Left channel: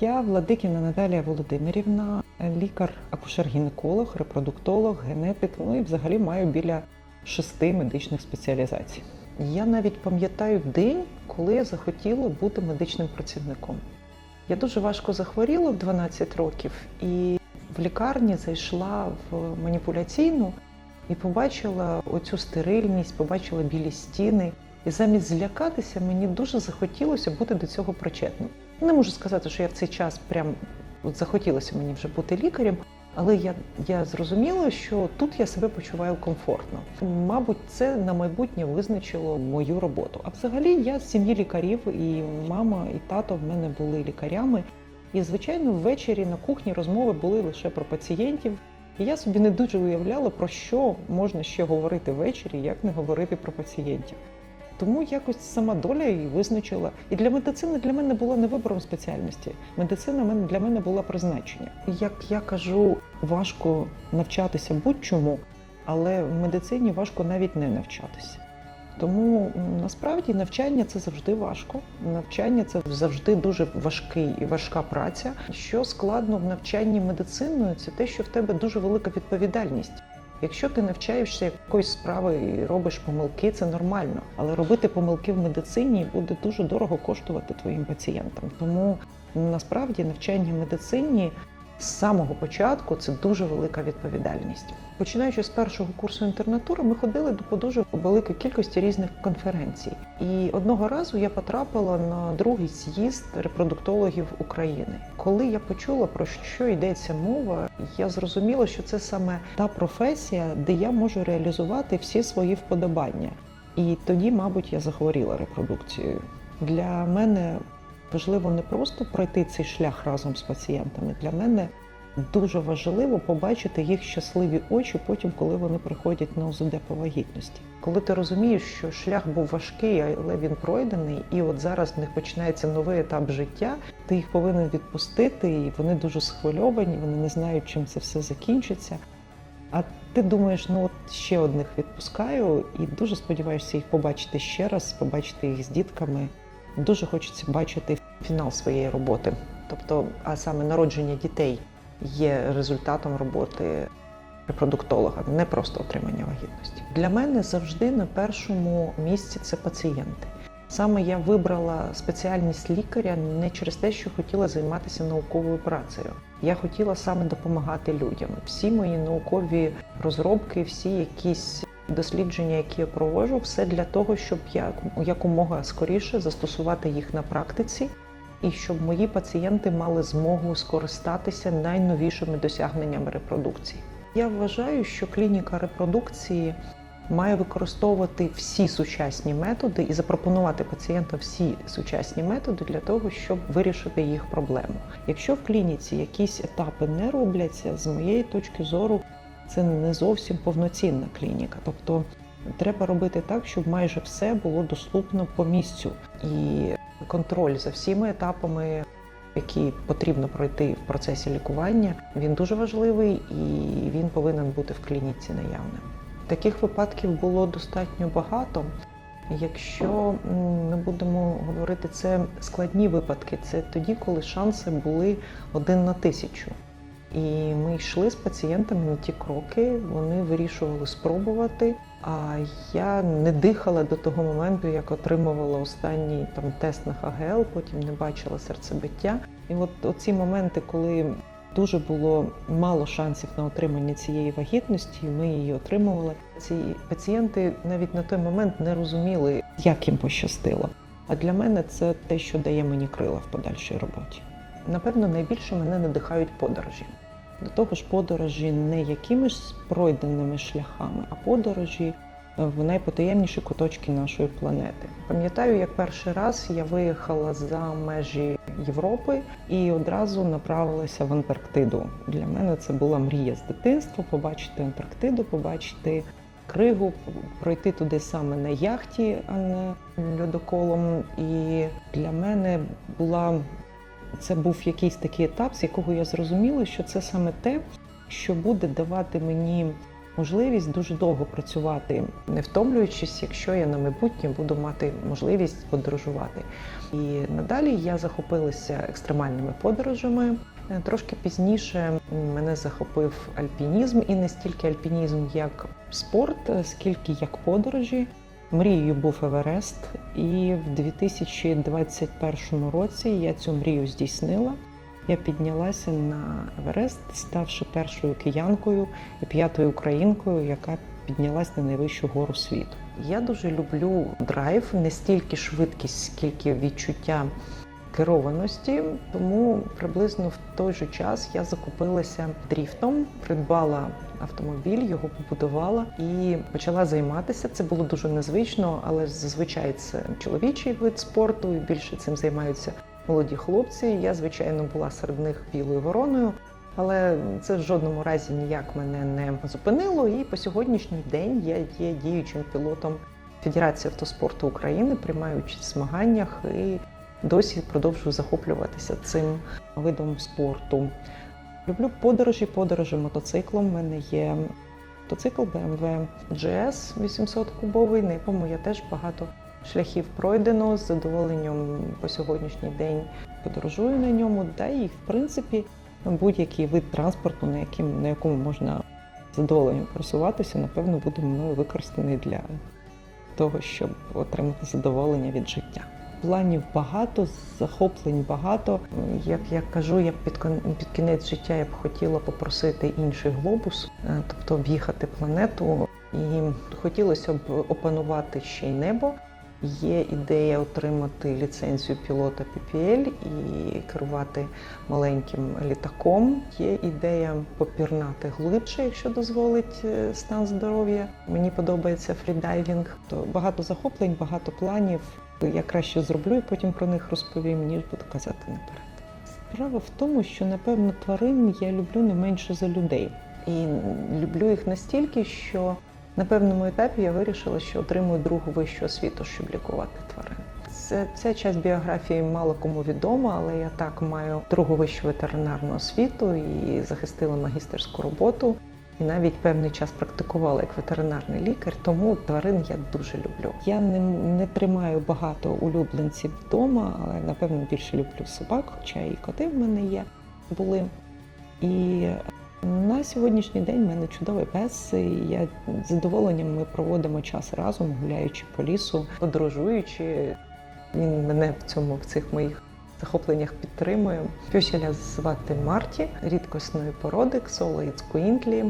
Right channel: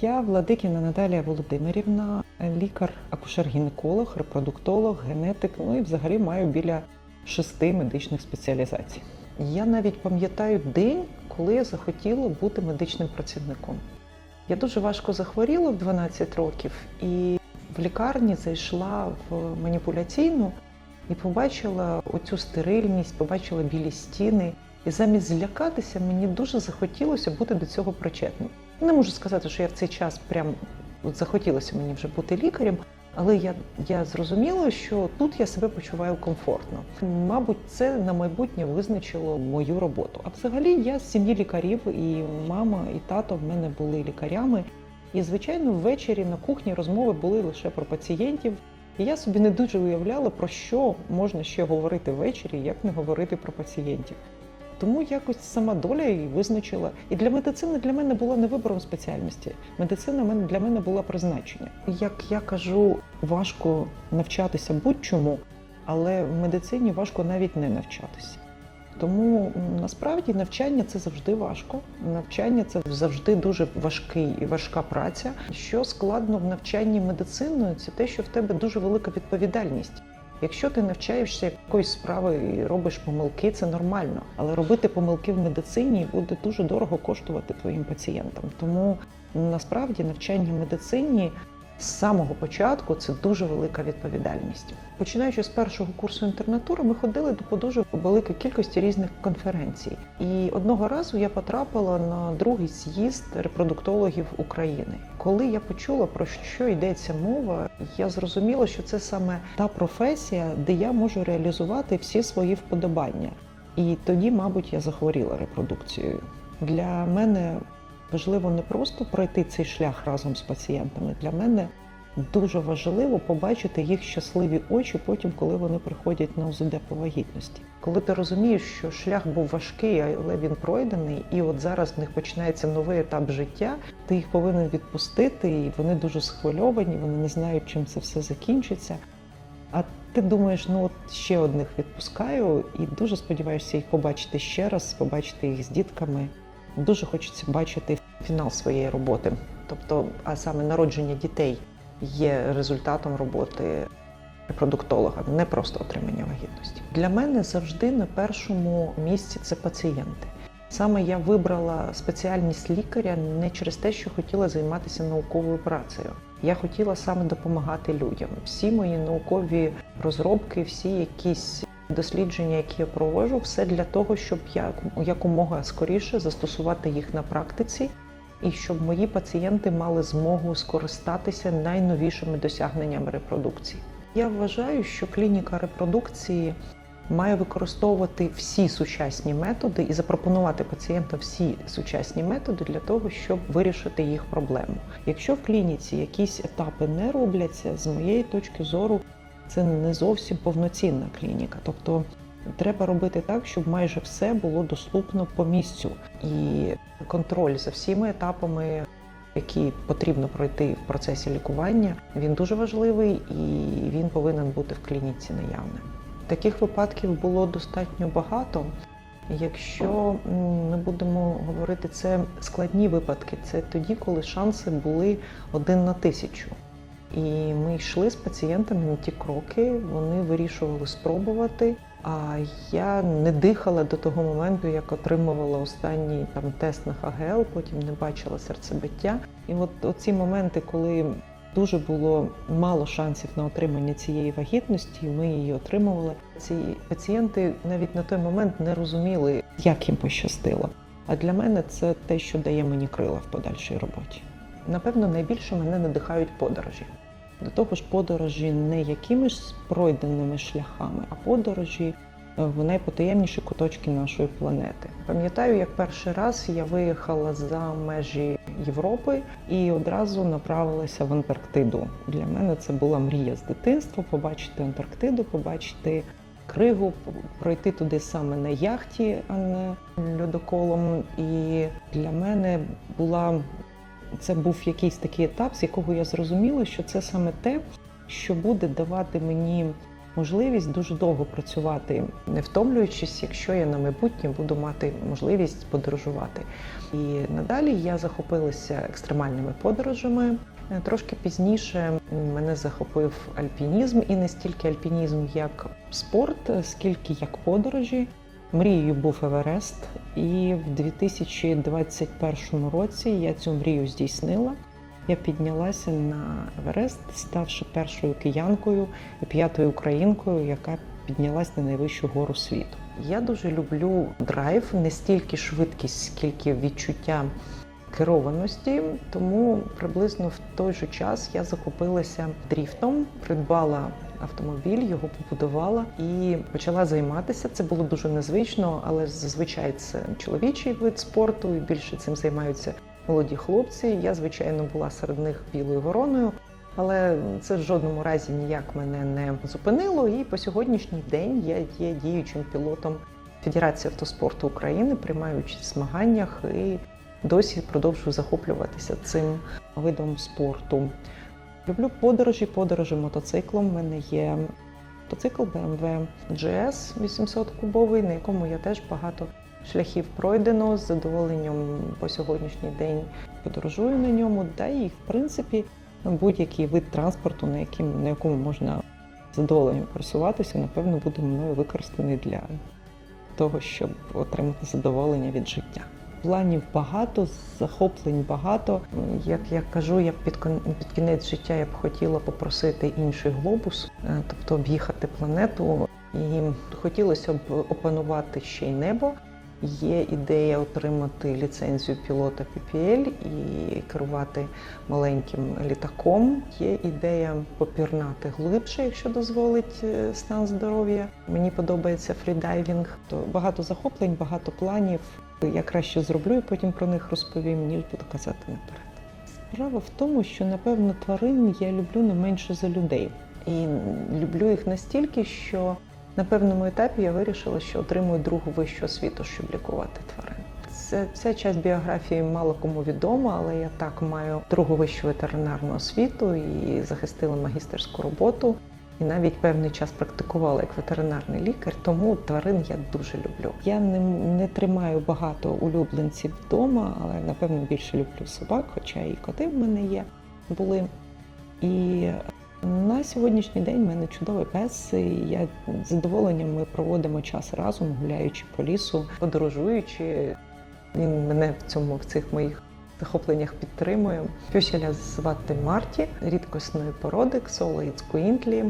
Я Владикіна Наталія Володимирівна, лікар-акушер-гінеколог, репродуктолог, генетик. Ну і взагалі маю біля шести медичних спеціалізацій. Я навіть пам'ятаю день, коли я захотіла бути медичним працівником. Я дуже важко захворіла в 12 років і в лікарні зайшла в маніпуляційну і побачила оцю стерильність, побачила білі стіни. І замість злякатися, мені дуже захотілося бути до цього причетним. Не можу сказати, що я в цей час прям от захотілося мені вже бути лікарем, але я, я зрозуміла, що тут я себе почуваю комфортно. Мабуть, це на майбутнє визначило мою роботу. А взагалі я з сім'ї лікарів, і мама, і тато в мене були лікарями. І звичайно, ввечері на кухні розмови були лише про пацієнтів. І я собі не дуже уявляла, про що можна ще говорити ввечері, як не говорити про пацієнтів. Тому якось сама доля і визначила. І для медицини для мене було не вибором спеціальності. Медицина мене- для мене була призначення. Як я кажу, важко навчатися будь-чому, але в медицині важко навіть не навчатися. Тому насправді навчання це завжди важко. Навчання це завжди дуже важкий і важка праця. Що складно в навчанні медициною, це те, що в тебе дуже велика відповідальність. Якщо ти навчаєшся якоїсь справи і робиш помилки, це нормально. Але робити помилки в медицині буде дуже дорого коштувати твоїм пацієнтам. Тому насправді навчання в медицині з самого початку це дуже велика відповідальність. Починаючи з першого курсу інтернатури, ми ходили до дуже великої кількості різних конференцій. І одного разу я потрапила на другий з'їзд репродуктологів України. Коли я почула про що йдеться мова, я зрозуміла, що це саме та професія, де я можу реалізувати всі свої вподобання. І тоді, мабуть, я захворіла репродукцією. Для мене важливо не просто пройти цей шлях разом з пацієнтами. Для мене дуже важливо побачити їх щасливі очі потім, коли вони приходять на УЗД по вагітності. Коли ти розумієш, що шлях був важкий, але він пройдений, і от зараз в них починається новий етап життя. Ти їх повинен відпустити, і вони дуже схвильовані, вони не знають, чим це все закінчиться. А ти думаєш, ну от ще одних відпускаю, і дуже сподіваюся їх побачити ще раз, побачити їх з дітками. Дуже хочеться бачити фінал своєї роботи. Тобто, а саме народження дітей є результатом роботи репродуктолога, не просто отримання вагітності. Для мене завжди на першому місці це пацієнти. Саме я вибрала спеціальність лікаря не через те, що хотіла займатися науковою працею. Я хотіла саме допомагати людям. Всі мої наукові розробки, всі якісь дослідження, які я провожу, все для того, щоб я якомога скоріше застосувати їх на практиці, і щоб мої пацієнти мали змогу скористатися найновішими досягненнями репродукції. Я вважаю, що клініка репродукції має використовувати всі сучасні методи і запропонувати пацієнтам всі сучасні методи для того, щоб вирішити їх проблему. Якщо в клініці якісь етапи не робляться, з моєї точки зору, це не зовсім повноцінна клініка. Тобто треба робити так, щоб майже все було доступно по місцю, і контроль за всіма етапами. Які потрібно пройти в процесі лікування, він дуже важливий і він повинен бути в клініці наявним. Таких випадків було достатньо багато. Якщо ми будемо говорити, це складні випадки, це тоді, коли шанси були один на тисячу. І ми йшли з пацієнтами на ті кроки, вони вирішували спробувати. А я не дихала до того моменту, як отримувала останній там тест на ФГЛ, потім не бачила серцебиття. І от ці моменти, коли дуже було мало шансів на отримання цієї вагітності, ми її отримували. Ці пацієнти навіть на той момент не розуміли, як їм пощастило. А для мене це те, що дає мені крила в подальшій роботі. Напевно, найбільше мене надихають подорожі. До того ж, подорожі не якимись пройденими шляхами, а подорожі е, в найпотаємніші куточки нашої планети. Пам'ятаю, як перший раз я виїхала за межі Європи і одразу направилася в Антарктиду. Для мене це була мрія з дитинства побачити Антарктиду, побачити кригу, пройти туди саме на яхті, а не льодоколом. І для мене була це був якийсь такий етап, з якого я зрозуміла, що це саме те, що буде давати мені можливість дуже довго працювати, не втомлюючись, якщо я на майбутнє буду мати можливість подорожувати. І надалі я захопилася екстремальними подорожами. Трошки пізніше мене захопив альпінізм, і не стільки альпінізм як спорт, скільки як подорожі. Мрією був Еверест, і в 2021 році я цю мрію здійснила. Я піднялася на Еверест, ставши першою киянкою і п'ятою українкою, яка піднялась на найвищу гору світу. Я дуже люблю драйв, не стільки швидкість, скільки відчуття керованості. Тому приблизно в той же час я закупилася дріфтом, придбала автомобіль, його побудувала і почала займатися. Це було дуже незвично, але зазвичай це чоловічий вид спорту. і Більше цим займаються молоді хлопці. Я, звичайно, була серед них білою вороною. Але це в жодному разі ніяк мене не зупинило. І по сьогоднішній день я є діючим пілотом Федерації автоспорту України, приймаю участь в змаганнях і досі продовжую захоплюватися цим видом спорту. Люблю подорожі, подорожі мотоциклом. У мене є мотоцикл BMW GS 800 кубовий, на якому я теж багато шляхів пройдено з задоволенням по сьогоднішній день подорожую на ньому. Та і в принципі будь-який вид транспорту, на яким на якому можна з задоволенням просуватися, напевно, буде мною використаний для того, щоб отримати задоволення від життя. Планів багато, захоплень багато. Як я кажу, я під під кінець життя я б хотіла попросити інший глобус, е, тобто об'їхати планету, і хотілося б опанувати ще й небо. Є ідея отримати ліцензію пілота PPL і керувати маленьким літаком. Є ідея попірнати глибше, якщо дозволить е, стан здоров'я. Мені подобається фрідайвінг. То багато захоплень, багато планів. Я краще зроблю і потім про них розповім, ніж буду казати наперед. Справа в тому, що напевно тварин я люблю не менше за людей, і люблю їх настільки, що на певному етапі я вирішила, що отримую другу вищу освіту, щоб лікувати тварин. Це ця часть біографії мало кому відома, але я так маю другу вищу ветеринарну освіту і захистила магістерську роботу. І навіть певний час практикувала як ветеринарний лікар, тому тварин я дуже люблю. Я не, не тримаю багато улюбленців вдома, але напевно більше люблю собак, хоча і коти в мене є були. І на сьогоднішній день в мене чудовий пес. і Я з задоволенням ми проводимо час разом, гуляючи по лісу, подорожуючи. Він мене в цьому в цих моїх захопленнях підтримує. Пюселя звати Марті, рідкісної породи Ксолоїд Куінтлі.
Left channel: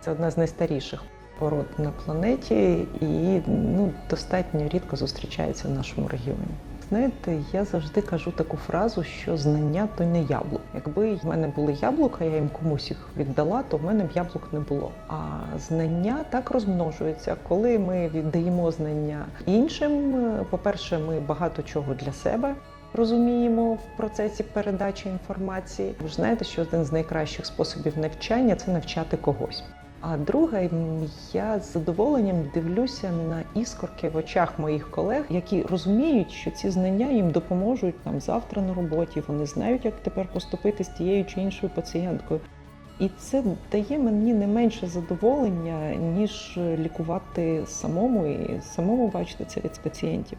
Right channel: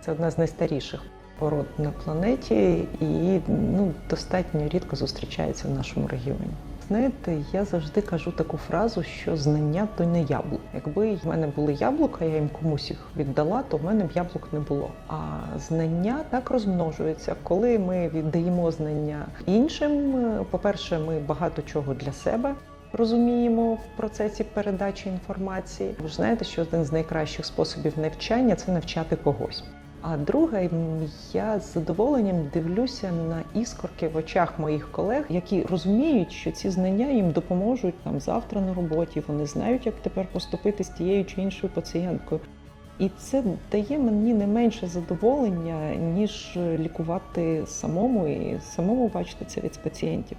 Це одна з найстаріших пород на планеті і ну, достатньо рідко зустрічається в нашому регіоні. Знаєте, я завжди кажу таку фразу, що знання то не яблук. Якби в мене були яблука, я їм комусь їх віддала, то в мене б яблук не було. А знання так розмножуються. Коли ми віддаємо знання іншим, е, по-перше, ми багато чого для себе розуміємо в процесі передачі інформації. Ви знаєте, що один з найкращих способів навчання це навчати когось. А друге, я з задоволенням дивлюся на іскорки в очах моїх колег, які розуміють, що ці знання їм допоможуть там завтра на роботі. Вони знають, як тепер поступити з тією чи іншою пацієнткою. І це дає мені не менше задоволення, ніж лікувати самому і самому бачити це від пацієнтів.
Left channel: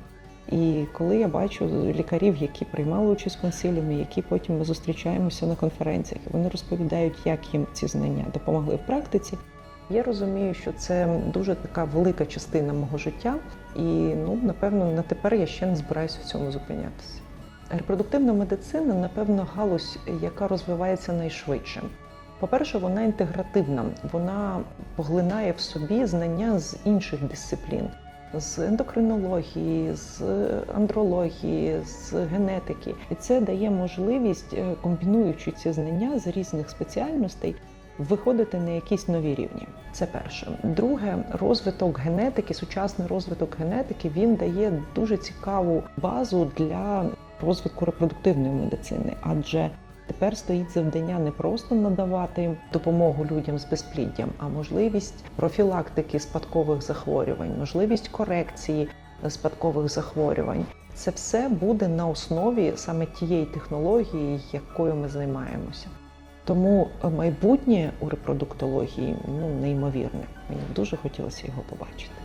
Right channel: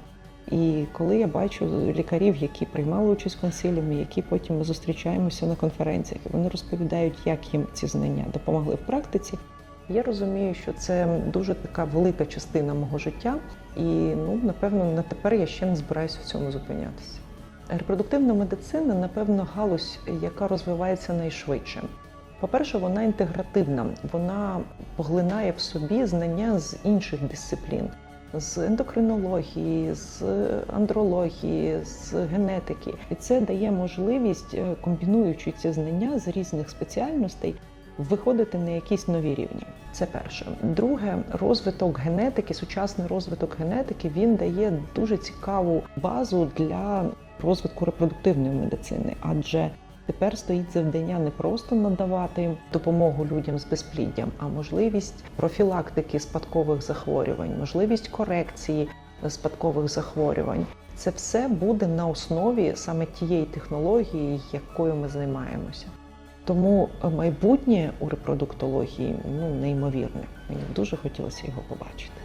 І коли я бачу лікарів, які приймали участь в консиліумі, які потім ми зустрічаємося на конференціях, вони розповідають, як їм ці знання допомогли в практиці. Я розумію, що це дуже така велика частина мого життя, і ну напевно на тепер я ще не збираюся в цьому зупинятися. Репродуктивна медицина, напевно, галузь, яка розвивається найшвидше. По-перше, вона інтегративна, вона поглинає в собі знання з інших дисциплін, з ендокринології, з андрології, з генетики. І це дає можливість, е, комбінуючи ці знання з різних спеціальностей, виходити на якісь нові рівні. Це перше. Друге, розвиток генетики, сучасний розвиток генетики, він дає дуже цікаву базу для розвитку репродуктивної медицини, адже Тепер стоїть завдання не просто надавати допомогу людям з безпліддям, а можливість профілактики спадкових захворювань, можливість корекції спадкових захворювань. Це все буде на основі саме тієї технології, якою ми займаємося. Тому майбутнє у репродуктології ну, неймовірне. Мені дуже хотілося його побачити.